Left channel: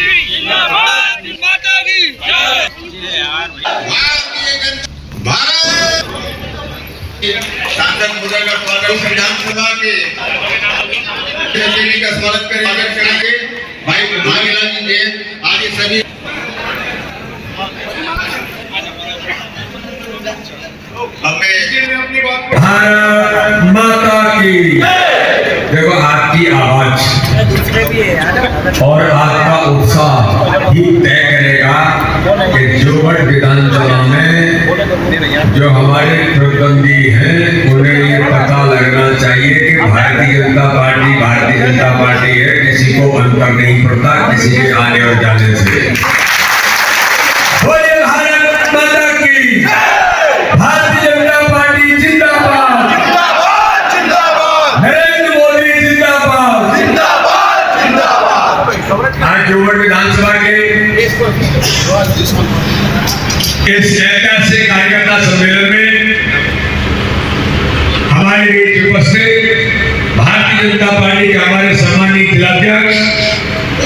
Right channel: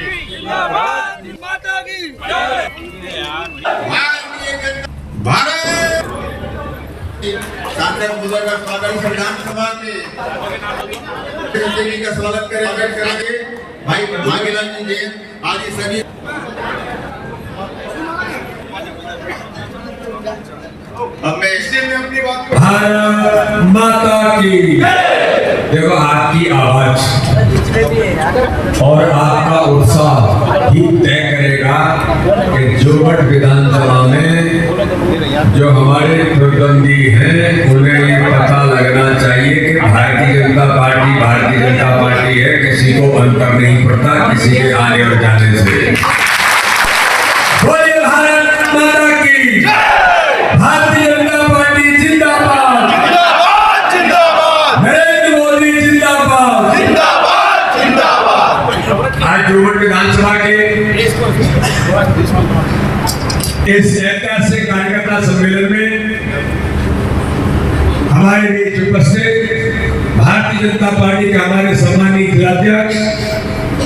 जिंदाबाद माता की भारत सांसद मुद्दा का स्वागत विधानसभा के का स्वागत करेंगे भाई भागीलाल जी जैन आदि सभी भारत माता की। देखो आपकी आवाज और आपका उत्साह ही तय करेगा कि जोगढ़ विधानसभा में जो हमारे प्रतिद्वंदी हैं उन्हें ये पता लगना चाहिए कि भारतीय जनता पार्टी है, किसी को अंतर नहीं पड़ता किसी के आने और जाने से। बोलिए भारत माता की। भारतीय जनता पार्टी जिंदाबाद, नरेंद्र मोदी जिंदाबाद। आज जोगढ़ विधानसभा के इस ऐतिहासिक कार्यकर्ता सम्मेलन में हमारे बीच उपस्थित भारतीय जनता पार्टी के हमारे सम्मानित जिलाध्यक्ष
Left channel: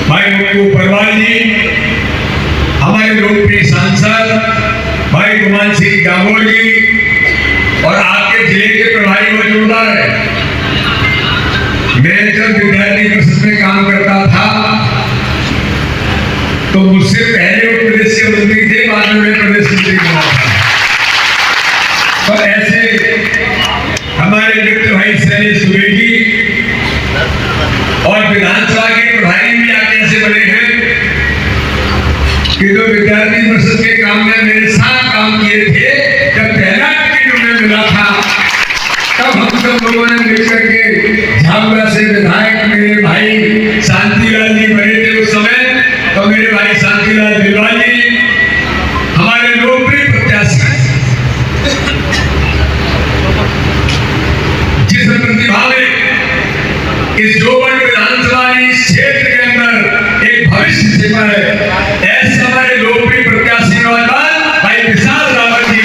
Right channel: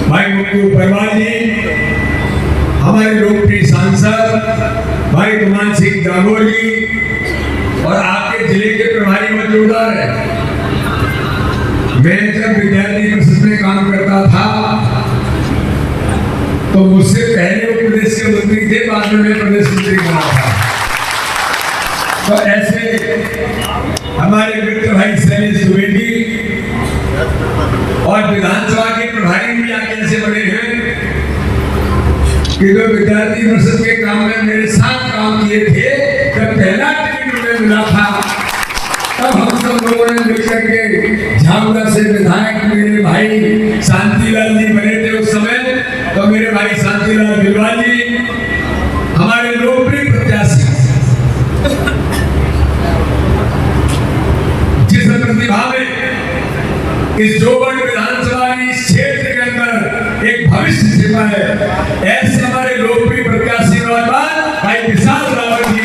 भाई मुक्कू परवाल जी, हमारे लोकप्रिय सांसद भाई गुमान सिंह जामोर जी और आपके जिले के प्रभारी मौजूदा है। मैं जब विद्यार्थी परिषद में काम करता था तो मुझसे पहले वो प्रदेश के मंत्री थे, बाद में मैं प्रदेश मंत्री बना था। तो ऐसे हमारे मित्र भाई शैलेश दुबे जी और विधानसभा के प्रभारी भी आगे ऐसे बने हैं कि जो विद्यार्थी परिषद के काम में मेरे साथ काम किए थे, जब पहला टिकट उन्हें मिला था तब हम सब लोगों ने मिलकर के झाबुआ से विधायक मेरे भाई शांतिलाल जी बने थे उस समय। तो मेरे भाई शांतिलाल बिलवाल जी हमारे लोकप्रिय प्रत्याशी, जिस प्रतिभा में इस जोगढ़ विधानसभा इस क्षेत्र के अंदर एक भविष्य छिपा है, ऐसे हमारे लोकप्रिय प्रत्याशी नौजवान भाई विशाल रावत जी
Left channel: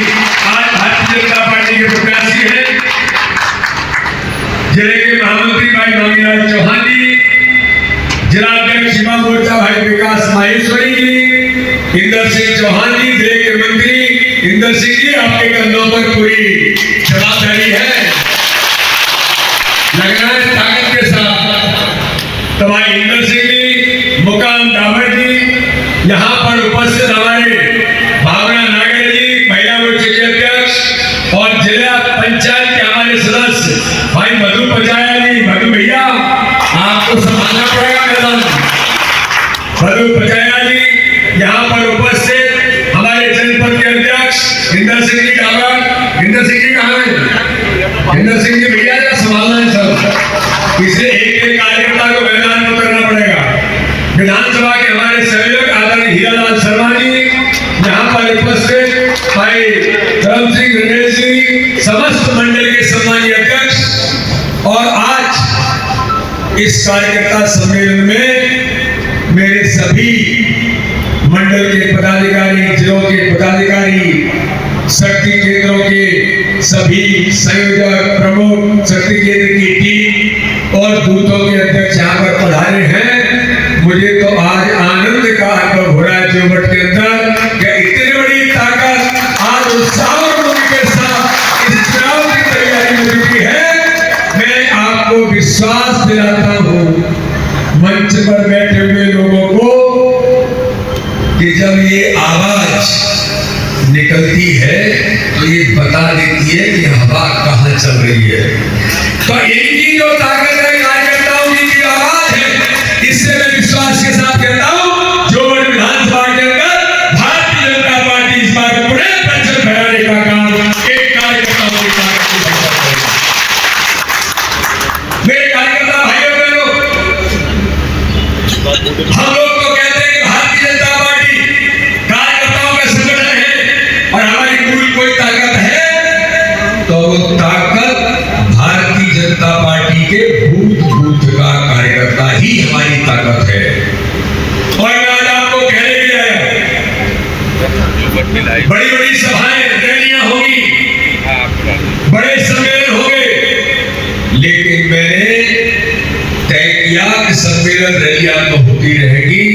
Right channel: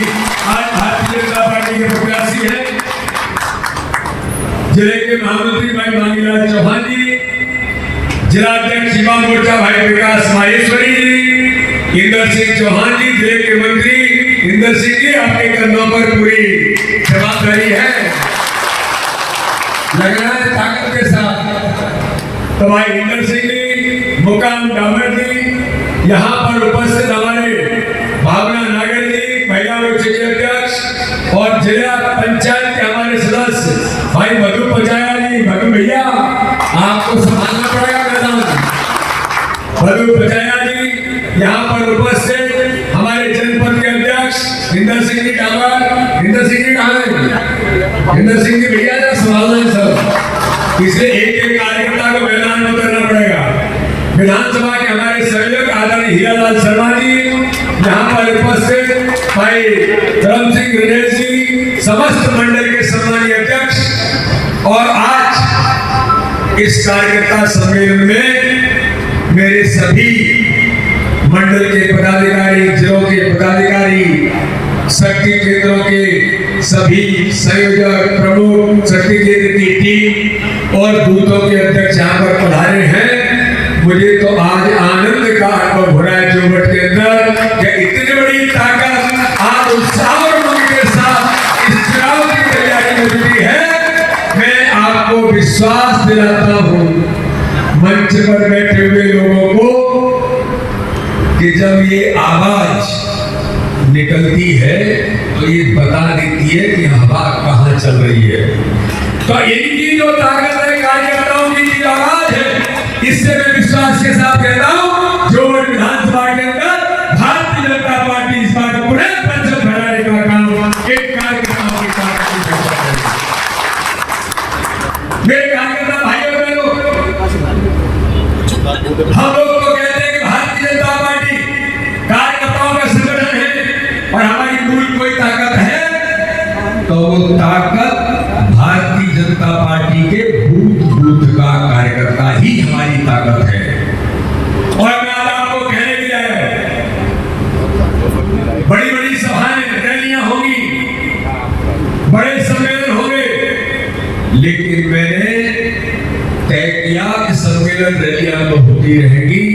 आज भारतीय जनता पार्टी के प्रत्याशी हैं। जिले के महामंत्री भाई भागीलाल चौहान जी, जिला अध्यक्ष युवा मोर्चा भाई विकास माहेश्वरी जी, इंदर सिंह चौहान जी, जिले के मंत्री इंदर सिंह जी, आपके कंधों पर पूरी जवाबदारी है, लग रहा है ताकत के साथ। तो भाई इंदर सिंह जी, मुकाम डाबर जी, यहाँ पर उपस्थित हमारे भावना नागर जी, महिला मोर्चे के अध्यक्ष और जिला पंचायत के हमारे सदस्य भाई मधु पचाया जी, मधु भैया आपको संभालना पड़ेगा मैदान। मधु पचाया जी यहाँ पर उपस्थित हमारे जनपद के अध्यक्ष इंदर सिंह जी डाबर। इंदर सिंह जी कहाँ हैं? इंदर सिंह जी भैया जरा संभालना है सब, इसलिए एक एक कार्यकर्ता को मैदान में उतरना पड़ेगा। विधानसभा के हमारे सहयोग आदरणीय हीरालाल शर्मा जी यहाँ पर उपस्थित, भाई धर्म सिंह गणेश जी, समस्त मंडल के सम्मानीय अध्यक्ष। और आज इस कार्यकर्ता सम्मेलन में मेरे सभी मंडल के पदाधिकारी, जिलों के पदाधिकारी, शक्ति केंद्रों के सभी संयोजक, प्रमुख, शक्ति केंद्र की टीम और बूथों के अध्यक्ष यहाँ पर पधारे हैं। मुझे तो आज आनंद का अनुभव हो रहा है जोगढ़ के अंदर कि इतनी बड़ी ताकत आज उत्साह और उमंग के साथ इस चुनाव की तैयारी हो चुकी है। मैं आपको विश्वास दिलाता हूँ मंच पर बैठे हुए लोगों को कि जब ये आवाज निकलती है तो ये बता देती है कि हवा कहाँ चल रही है। तो इनकी जो ताकत है, कार्यकर्ताओं की जो आवाज है, इससे मैं विश्वास के साथ कहता हूँ जोगढ़ विधानसभा के अंदर भारतीय जनता पार्टी इस बार पूरे परचम फहराने का काम एक कार्यकर्ताओं की ताकत से करेगी। मेरे कार्यकर्ता भाइयों बहनों, हम लोग तो कहते हैं कि भारतीय जनता पार्टी कार्यकर्ताओं का संगठन है और हमारी मूल कोई ताकत है तो वो ताकत भारतीय जनता पार्टी के बूथ बूथ का कार्यकर्ता ही हमारी ताकत है। और मैं आज आपको कहने के लिए आया हूं, बड़ी बड़ी सभाएं, रैलियां होंगी, बड़े सम्मेलन होंगे, लेकिन मैंने तय किया कि सम्मेलन रैलियां तो होती रहेगी,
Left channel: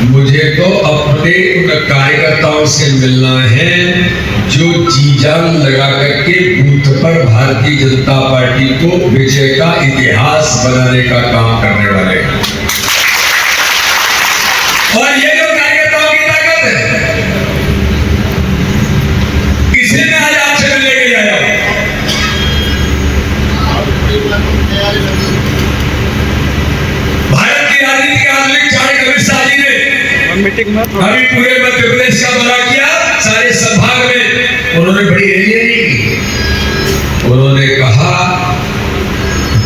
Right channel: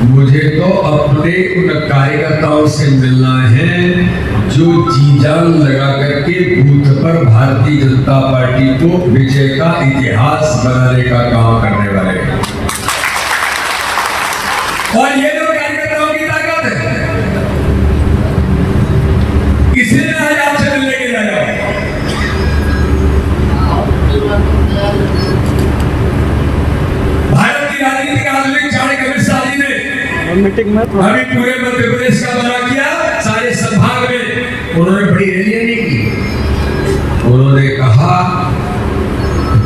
मुझे तो अपने उन कार्यकर्ताओं से मिलना है जो जी जान लगा करके बूथ पर भारतीय जनता पार्टी को विजय का इतिहास बनाने का काम करने वाले हैं। और ये जो कार्यकर्ताओं की ताकत है, इसे मैं आज आपसे मिलने के लिए आया हूं। भारत की राजनीति के आधुनिक चाणक्य अमित शाह जी ने मीटिंग में अभी पूरे मध्य प्रदेश का दौरा किया। सारे संभाग में उन्होंने बड़ी रैलियां की। उन्होंने कहा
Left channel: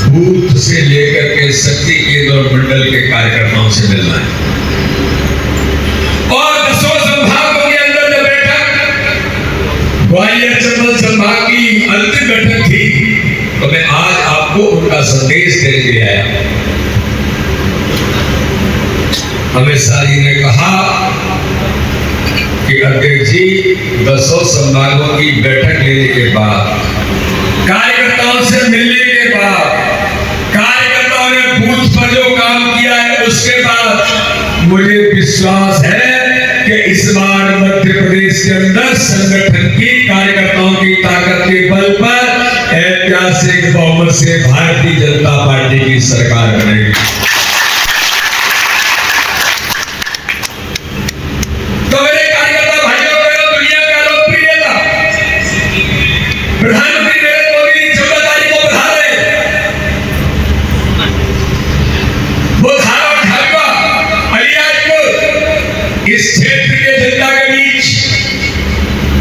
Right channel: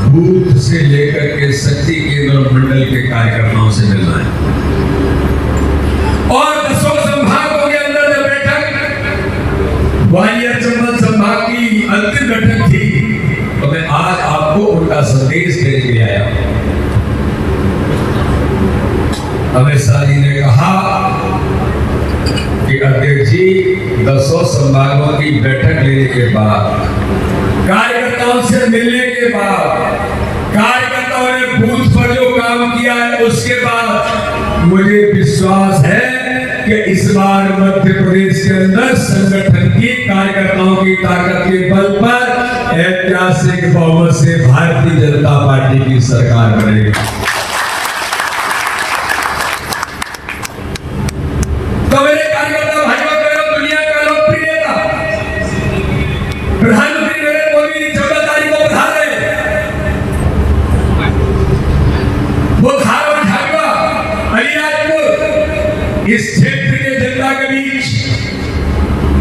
बूथ से लेकर के शक्ति केंद्र और मंडल के कार्यकर्ताओं से मिलना है। और 10 संभागों के अंदर जब बैठक ग्वालियर चंबल संभाग की अंतिम बैठक थी, तो मैं आज आपको उनका संदेश देने के लिए आया। अमित शाह जी ने कहा कि अध्यक्ष जी 10 संभागों की बैठक लेने के बाद, कार्यकर्ताओं से मिलने के बाद, कार्यकर्ताओं ने बूथ पर जो काम किया है उसके बाद मुझे विश्वास है कि इस बार मध्य प्रदेश के अंदर संगठन की कार्यकर्ताओं की ताकत के बल पर ऐतिहासिक बहुमत से भारतीय जनता पार्टी की सरकार बनेगी। तो मेरे कार्यकर्ता भाइयों बहनों, दुनिया का लोकप्रिय नेता प्रधानमंत्री नरेंद्र मोदी 14 तारीख को पधार रहे हैं। वो धार और झाबुआ अलियाजपुर इस क्षेत्र के जनता के बीच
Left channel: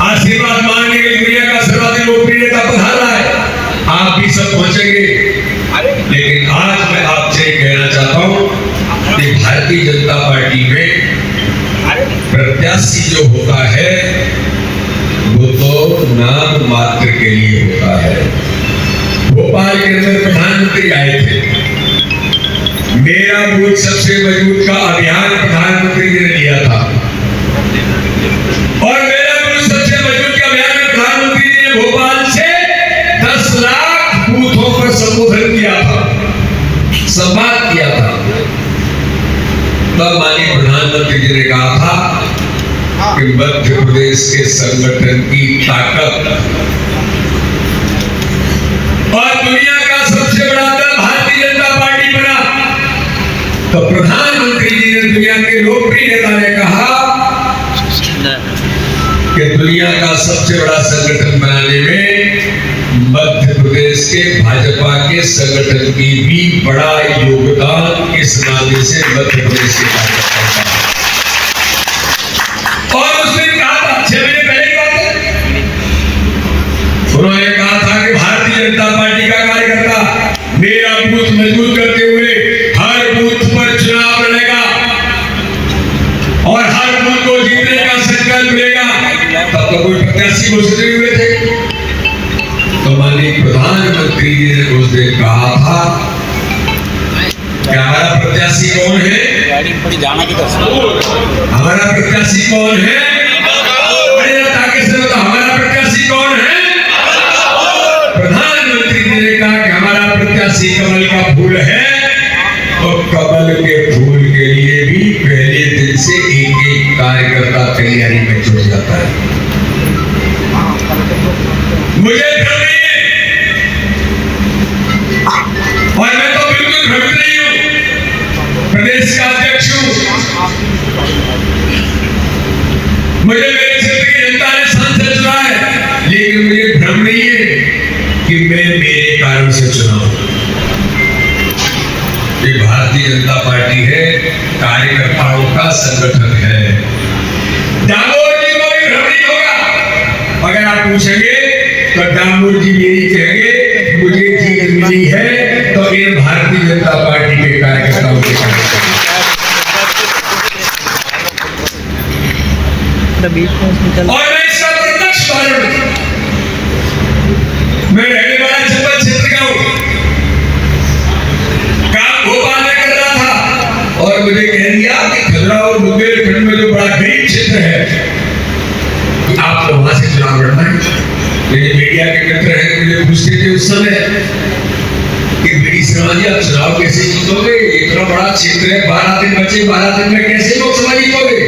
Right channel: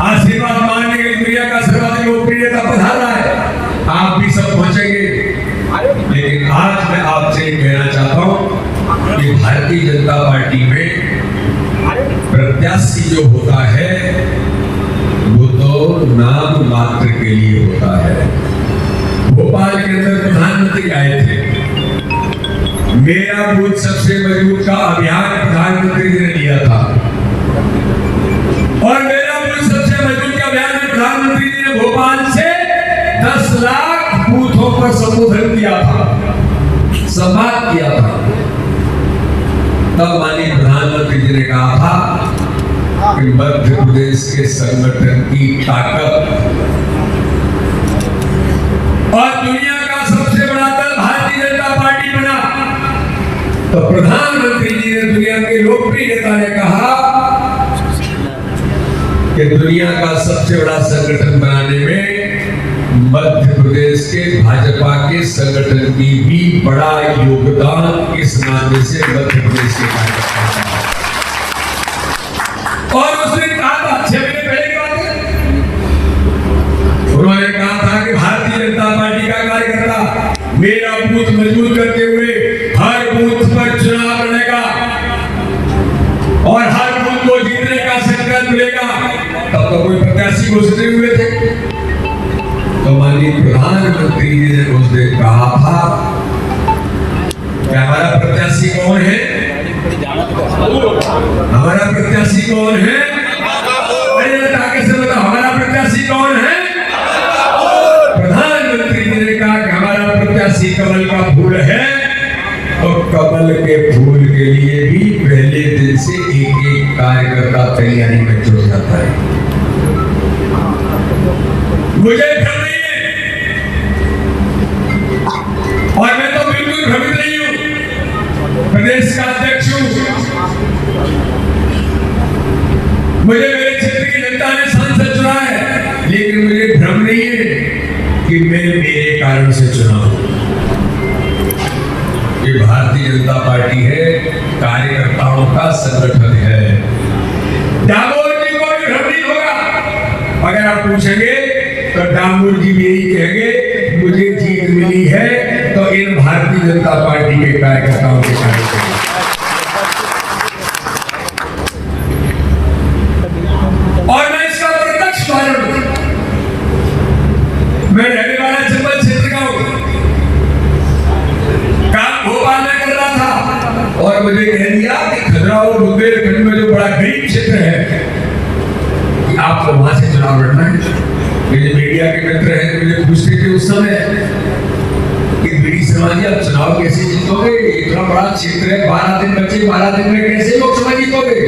आशीर्वाद मांगने के लिए दुनिया का सर्वाधिक लोकप्रिय नेता पधार रहा है। आप भी सब पहुंचेंगे, लेकिन आज मैं आपसे कहना चाहता हूं कि भारतीय जनता पार्टी में प्रत्याशी जो होता है वो तो नाम मात्र के लिए होता है। भोपाल के अंदर प्रधानमंत्री आए थे, मेरा बूथ सबसे मजबूत का अभियान प्रधानमंत्री जी ने लिया था, और मेरा बूथ सबसे मजबूत के अभियान में प्रधानमंत्री जी ने भोपाल से 10 लाख बूथों पर संबोधन किया था, संवाद किया था। तब माननीय प्रधानमंत्री जी ने कहा था कि मध्य प्रदेश के संगठन की ताकत और दुनिया का सबसे बड़ा दल भारतीय जनता पार्टी बना। तो प्रधानमंत्री जी ने, दुनिया के लोकप्रिय नेता ने कहा कि दुनिया का सबसे बड़ा संगठन बनाने में मध्य प्रदेश के भाजपा के संगठन की भी बड़ा योगदान इस नाते से मध्य प्रदेश के कार्यकर्ताओं का। और उसने कहा था 6 महीने पहले की बात है, उन्होंने कहा था कि भारतीय जनता पार्टी का कार्यकर्ता मेरा बूथ मजबूत करते हुए हर बूथ पर चुनाव लड़ेगा और हर बूथ को जीतने का संकल्प लेगा। तब तो कोई प्रत्याशी घोषित नहीं हुए थे। तो माननीय प्रधानमंत्री जी ने उस दिन कहा था कि हमारा प्रत्याशी कौन है? हमारा प्रत्याशी कौन है? हमारा प्रत्याशी कौन है? प्रधानमंत्री जी ने कहा कि हमारा प्रत्याशी कमल का फूल है, और कमल के फूल के लिए भी पहले दिन से एक कार्यकर्ता तैयारी में जुट जाता है। मुझे भ्रम नहीं है, और मैं तो बिल्कुल भ्रमित नहीं हूं, प्रदेश का अध्यक्ष हूं। मुझे मेरे क्षेत्र की जनता ने सांसद चुना है, लेकिन मुझे भ्रम नहीं है कि मैं मेरे कारण से चुना हूं। ये भारतीय जनता पार्टी है, कार्यकर्ताओं का संगठन है। डामोर जी को भी भ्रम नहीं होगा। अगर आप पूछेंगे तो डामोर जी यही कहेंगे मुझे जीत मिली है तो इन भारतीय जनता पार्टी के कार्यकर्ताओं के कारण। और मैं इसका प्रत्यक्ष उदाहरण हूं। मैं रहने वाला चंबल क्षेत्र का हूं, काम भोपाल में कर रहा था, और मुझे कह दिया कि खजुराहो बुंदेलखंड में जो बड़ा गरीब क्षेत्र है आपको वहां से चुनाव लड़ना है। मेरे मीडिया के मित्र हैं, मुझे पूछते थे उस समय कि बीडी शर्मा जी आप चुनाव कैसे जीतोगे? इतना बड़ा क्षेत्र है, 12 दिन बचे, 12 दिन में कैसे लोकसभा जीतोगे? जीतोगे।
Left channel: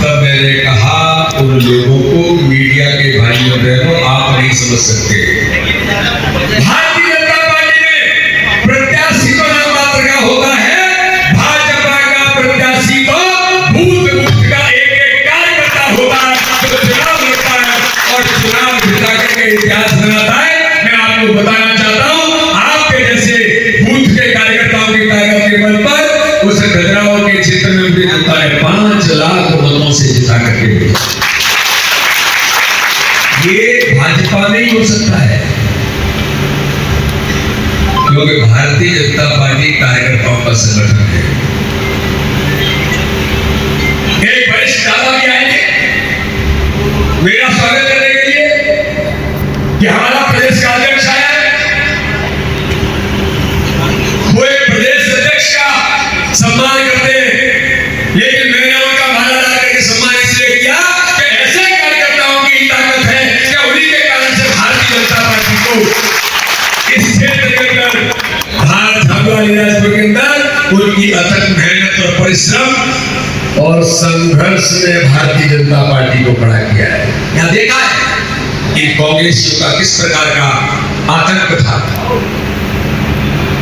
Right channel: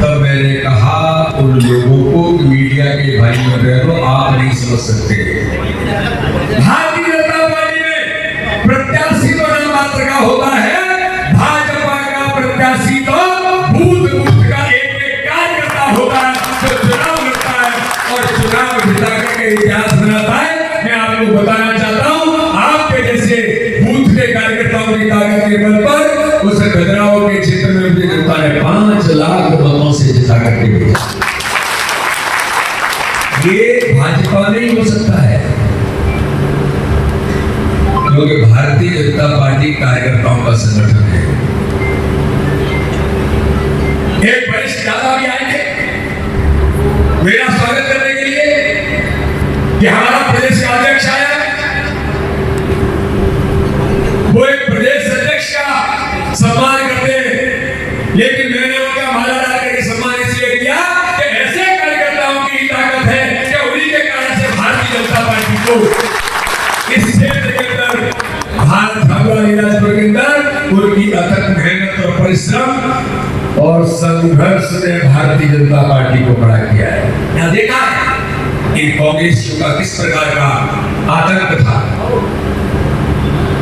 तब मैंने कहा उन लोगों को, मीडिया के भाई और बहनों, आप नहीं समझ सकते। भारतीय जनता पार्टी में प्रत्याशी तो नाम मात्र का होता है, भाजपा का प्रत्याशी तो बूथ बूथ का एक एक कार्यकर्ता होता है, जो चुनाव लड़ता है और चुनाव जिता करके इतिहास बनाता है। मैं आपको बताना चाहता हूं, आपके जैसे बूथ के कार्यकर्ताओं की ताकत के बल पर उस खजुराहो के क्षेत्र में भी जनता ने 5 लाख मतों से जिता करके भेजा। ये भाजपा नहीं हो सकता है, क्योंकि भारतीय जनता पार्टी कार्यकर्ताओं का संगठन है। एक वरिष्ठ दादा भी आएंगे मेरा स्वागत करने के लिए कि हमारा प्रदेश का अध्यक्ष आया। वो एक प्रदेश अध्यक्ष का सम्मान करते हैं, लेकिन मैंने उनका माला डाल करके सम्मान इसलिए किया कि ऐसे कार्यकर्ताओं की ताकत है कि उन्हीं के कारण से भारतीय जनता पार्टी को इस क्षेत्र के अंदर भारत झाबुआ के अंदर उनकी अथक मेहनत और परिश्रम और संघर्ष ने भारतीय जनता पार्टी को खड़ा किया है। यहां देखा है कि कांग्रेसियों का किस प्रकार का आतंक था,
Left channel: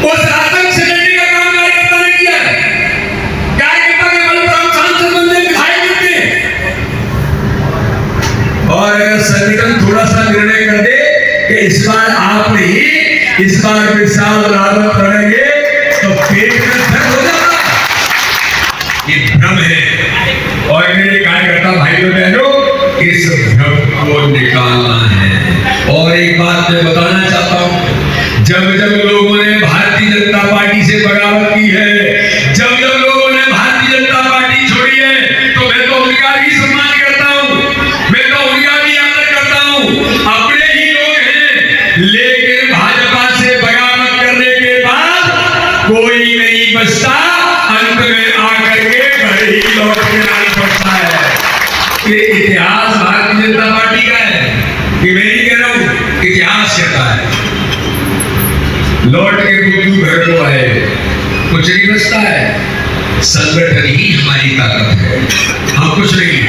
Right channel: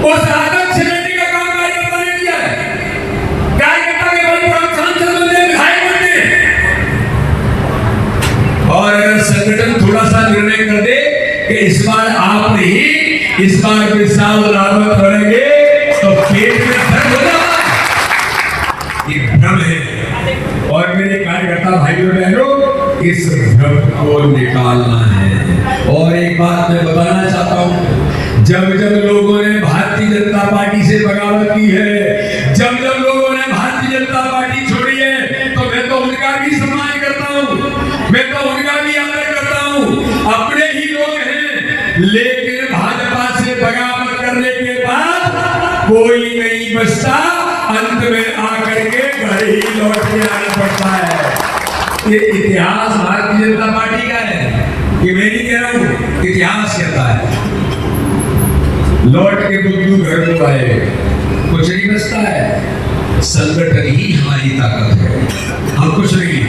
उस आतंक से लड़ने का काम कार्यकर्ता ने किया है। कार्यकर्ता के बल पर हम सांसद बनते, विधायक बनते, और अगर संगठन थोड़ा सा निर्णय कर दे कि इस बार आप नहीं, इस बार विशाल रावत करेंगे, तो पेट में दर्द हो जाता है। ये भ्रम है, और मेरे कार्यकर्ता भाइयों बहनों, इस भ्रम को निकालना है। और एक बात मैं बताना चाहता हूं, जब जब लोगों ने भारतीय जनता पार्टी से बगावत की है, जब जब लोगों ने भारतीय जनता पार्टी छोड़ी है, तो मैं तो उनका भी सम्मान करता हूं, मैं तो उनका भी आदर करता हूं। अपने ही लोग हैं, लेकिन भाजपा से बगावत करने के बाद कोई नहीं बचता, अंत में आकर के घर ही लौट के आना पड़ता है। ये इतिहास भारतीय जनता पार्टी का है, कि मैं नहीं कह रहा हूं, इतिहास कहता है। लौट के बुद्धू घर को आए, कुछ नहीं बचता है। संगठन ही हमारी ताकत है, हम कुछ नहीं।